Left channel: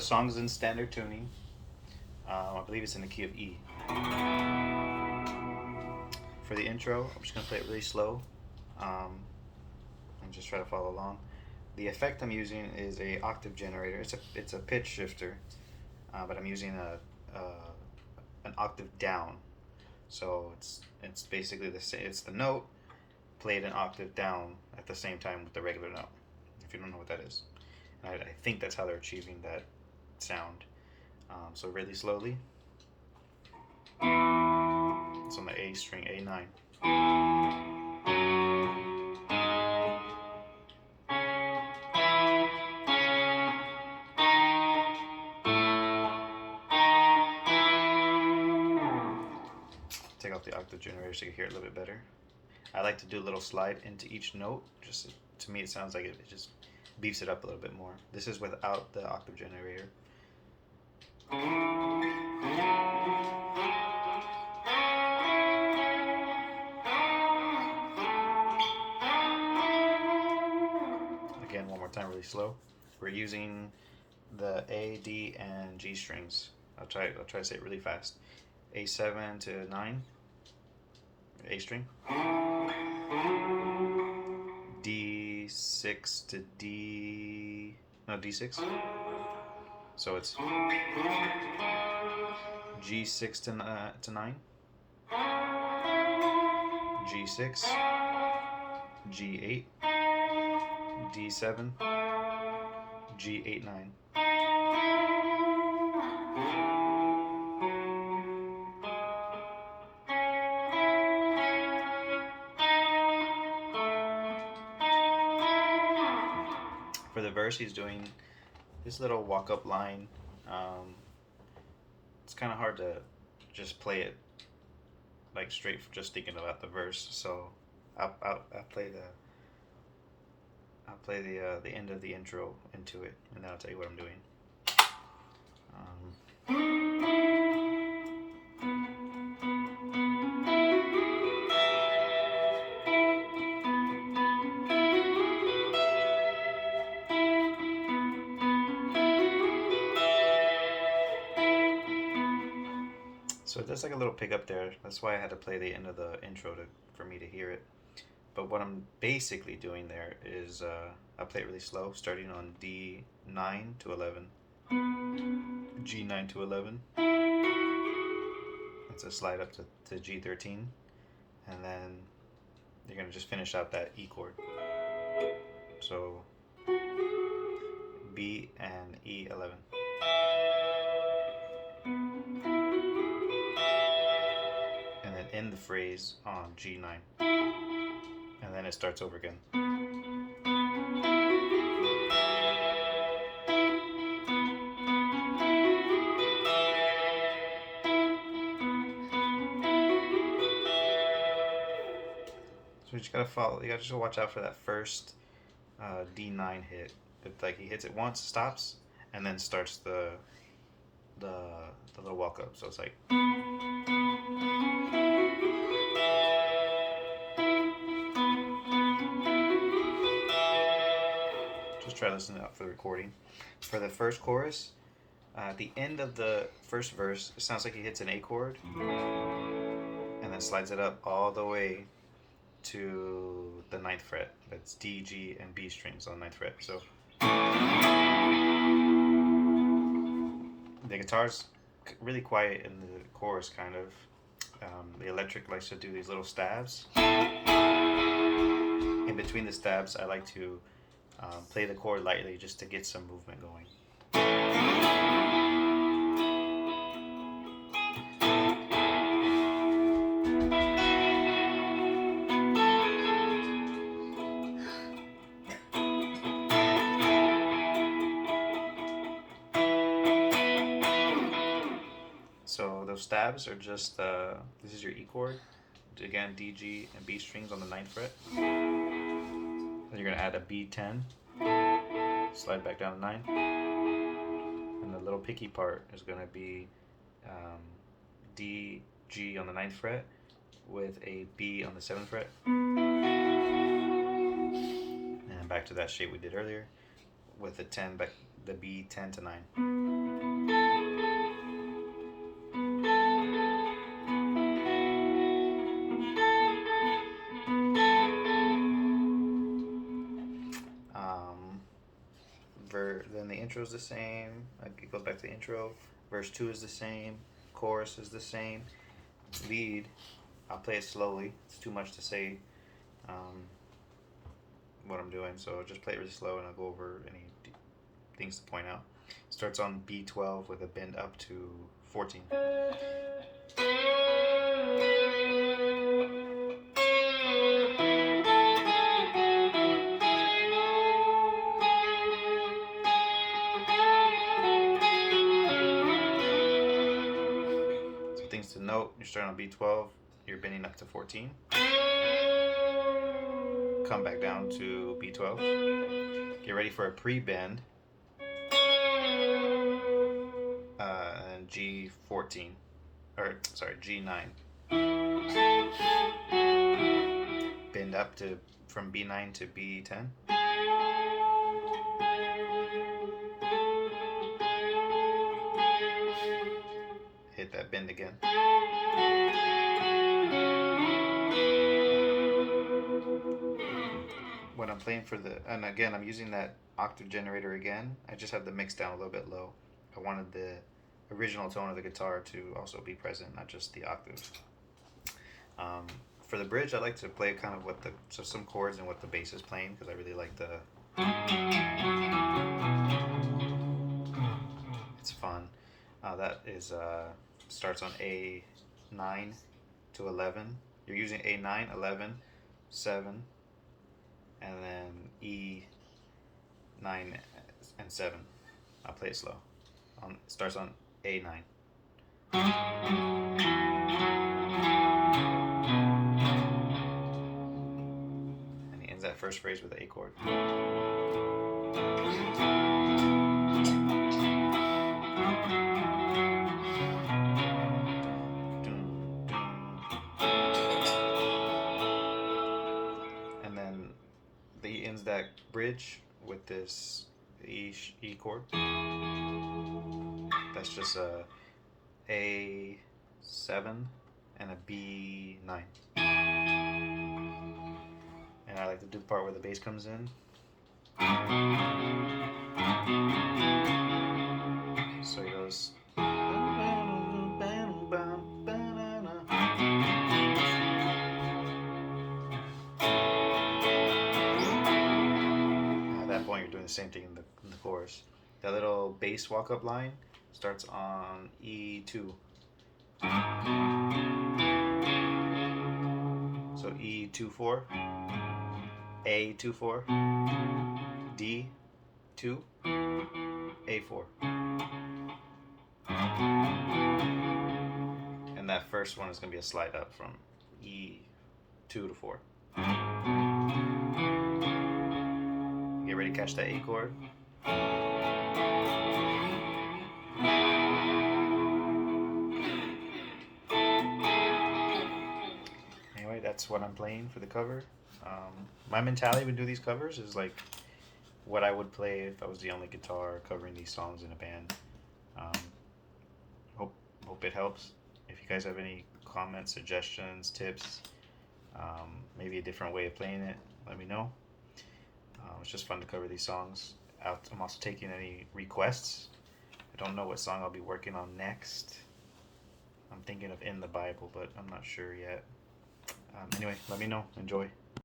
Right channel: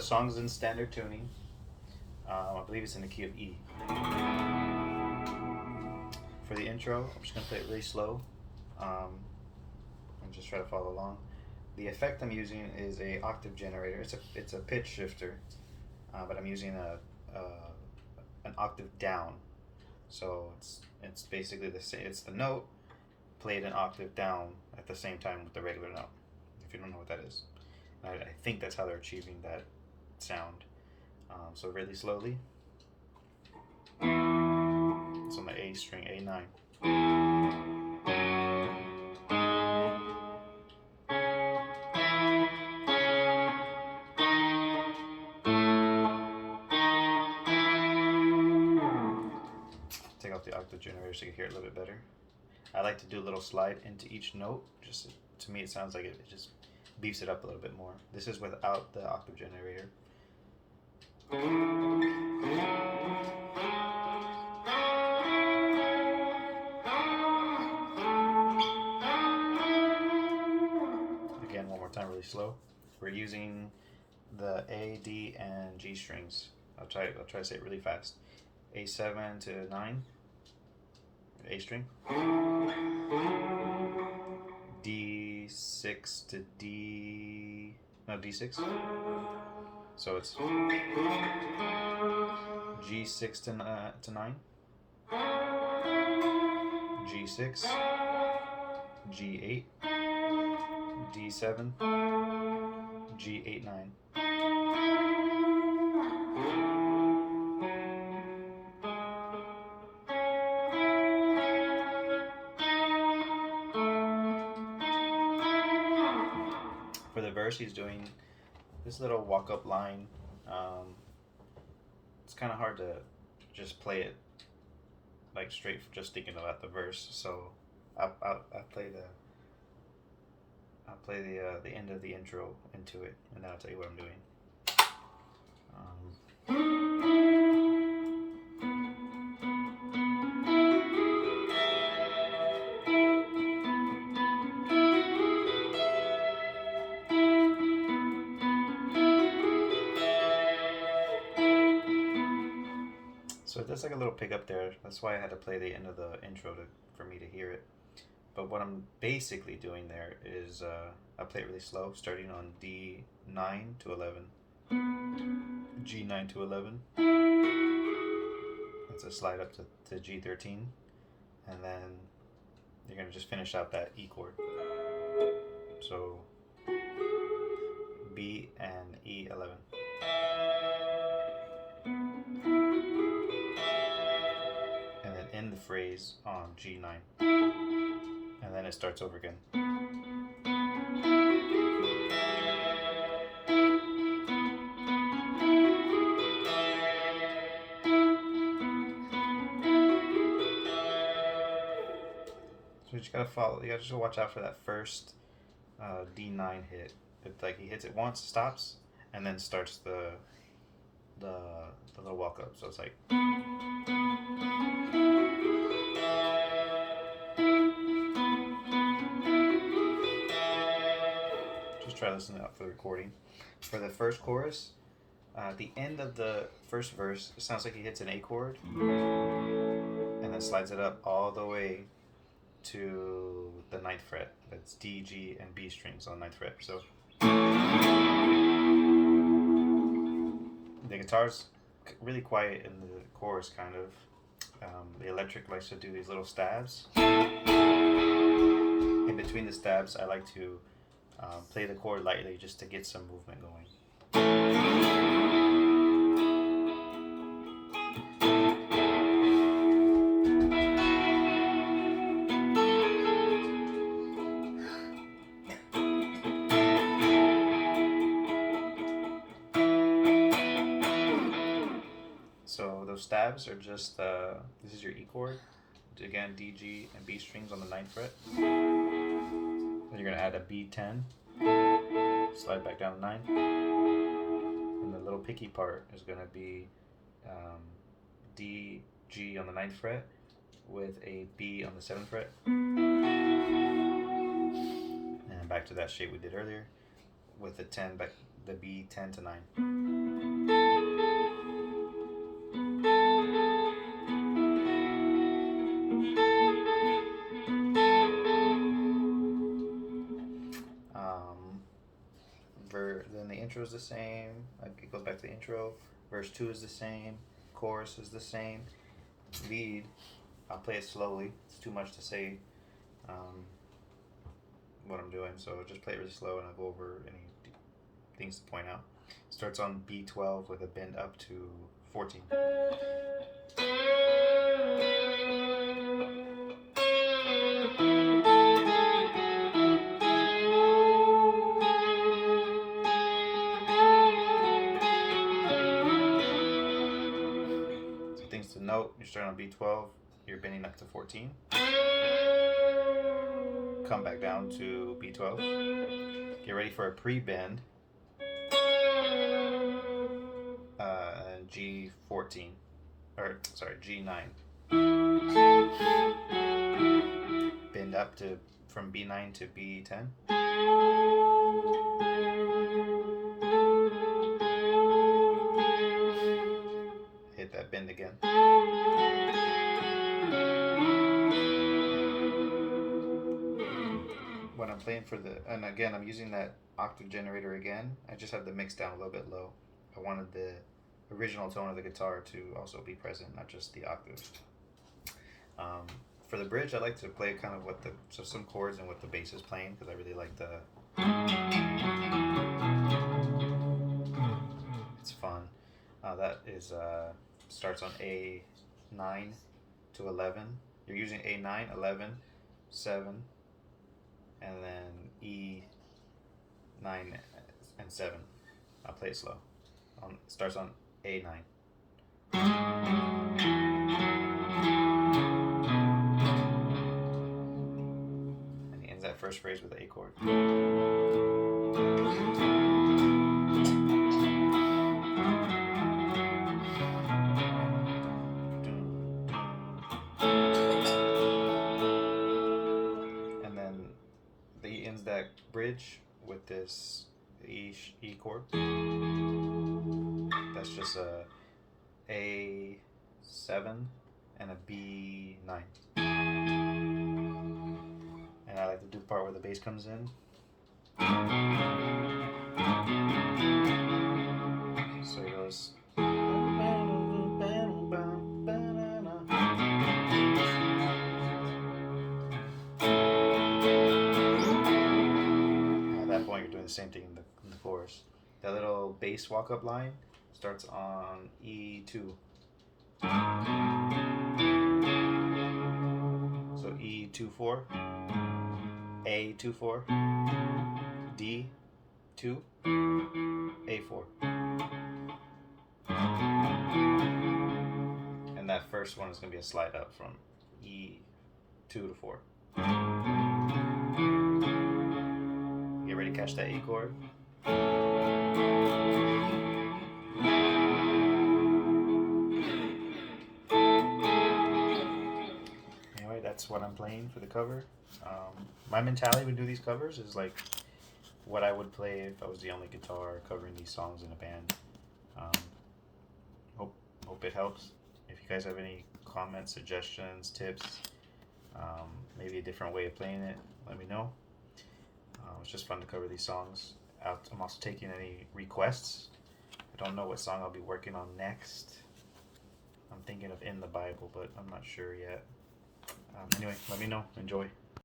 the song's in standard tuning. I believe it's in the key of E. For the intro, I'm just gonna play it really slow, and just try to follow along. The effect I'm using is a octave generator. It's a pitch shifter, but I'm using an octave down. So it's basically the same. It's the note played an octave down at the same time with the regular note. If you don't know what that is, and I think that's how they're achieving that sound. So really slowly. It's on the A string, A9. Take off the octave generator so you can hear it a little bit better. I like to do a little slide into each note. Just to me, it sounds like it just beefs it up a little bit more. This is without the octave generator. Again, one more time, really slow. We're using the A, D, and G strings. I'll try to say it really fast. A7 to 9, A string. D6 to D6. So it's G6 to 9, G6, G8, D7, G8, 9. For the verse, he's doing this little walk-up line. It's kind of hard to just play it like straight, just thinking about the verse. So I'll play the end of the intro into it, and then I'll tell you what I'm doing. So there's like a little pickup there. That's why I had to play the end of the intro for me to hear it. But what I'm basically doing there is I play it really slow, starting on D9 to 11, G9 to 11. It's a slide up to G13, and then you're gonna just finish out that E chord. So B and E11. And then end the phrase on G9. And then it starts over again. So you just gotta follow. You gotta just watch out for that first D9 hit. It's like he hits it once, stops, and then starts the little walk up. So it's like. Just try listening out for the recording. For the first chorus, at the end of the first verse, it sounds like he hits an A chord, and then slides it up all the way to the 9th fret. That's D, G, and B strings on the 9th fret. So the guitar's really quiet in the chorus, kind of. The electric likes to do these little stabs. In between the stabs, I like to play the chord lightly just to get some movement going. So those stabs are just, this is your E chord. Again, D, G, and B strings on the 9th fret. Then you're going to add a B10, slide back down to 9. And the little picky part is going to be D, G on the 9th fret with a B on the 7th fret. And back to that shape we did earlier with the 10 the B10 to 9. Then the intro is the same. It goes back to the intro. Verse 2 is the same. Chorus is the same. Lead, I'll play it slowly. It's too much to say what I'm doing, so I'll just play it really slow and I'll go over any things to point out. Starts on B12 with a bend up to 14. So things to note, you're starting on B12, you're bending up to 14. Come back down to B12. Get ready for a pre-bend. And G14, or sorry, G9. Bend up to from B9 to B10. Hit that bend again. When I'm playing for the, and again, I'm using that octave generator again. I just have the mix down a little bit low. I wanted the original tone of the guitar to also be present, not just the octave. For the bridge, I like to play kind of what some chords and what the bass is playing, because I really like the. It's fun. That is starts on A9 to 11. You're using A9, 11, 7, and then E9 and 7. I'll play it slow. It starts on A9. And he ends that first phrase with the A chord. And then he ends that bridge with this E chord. That's just a A7 and a B9. And I like to do the part where the bass comes in. So he goes. At that point, you're doing the same thing in the chorus. That little bass walk-up line starts on E2. So E24, A24, D2, A4. And that first one is going to be a slide up from E2 to 4. Get ready to catch that A chord. Anyway, that's what I'm playing for the cover. My mentality when do these covers is like what I would play if I was the only guitar covering these songs in a band. Hope it helps. If you guys have any comments, suggestions, tips, maybe a different way of playing it, let me know. It's just fun to cover these songs. I'm also taking any requests. I don't know what song I'll be working on next. I'm thinking of In the Bible, but I'm not sure yet. Anyway, let me know. Enjoy.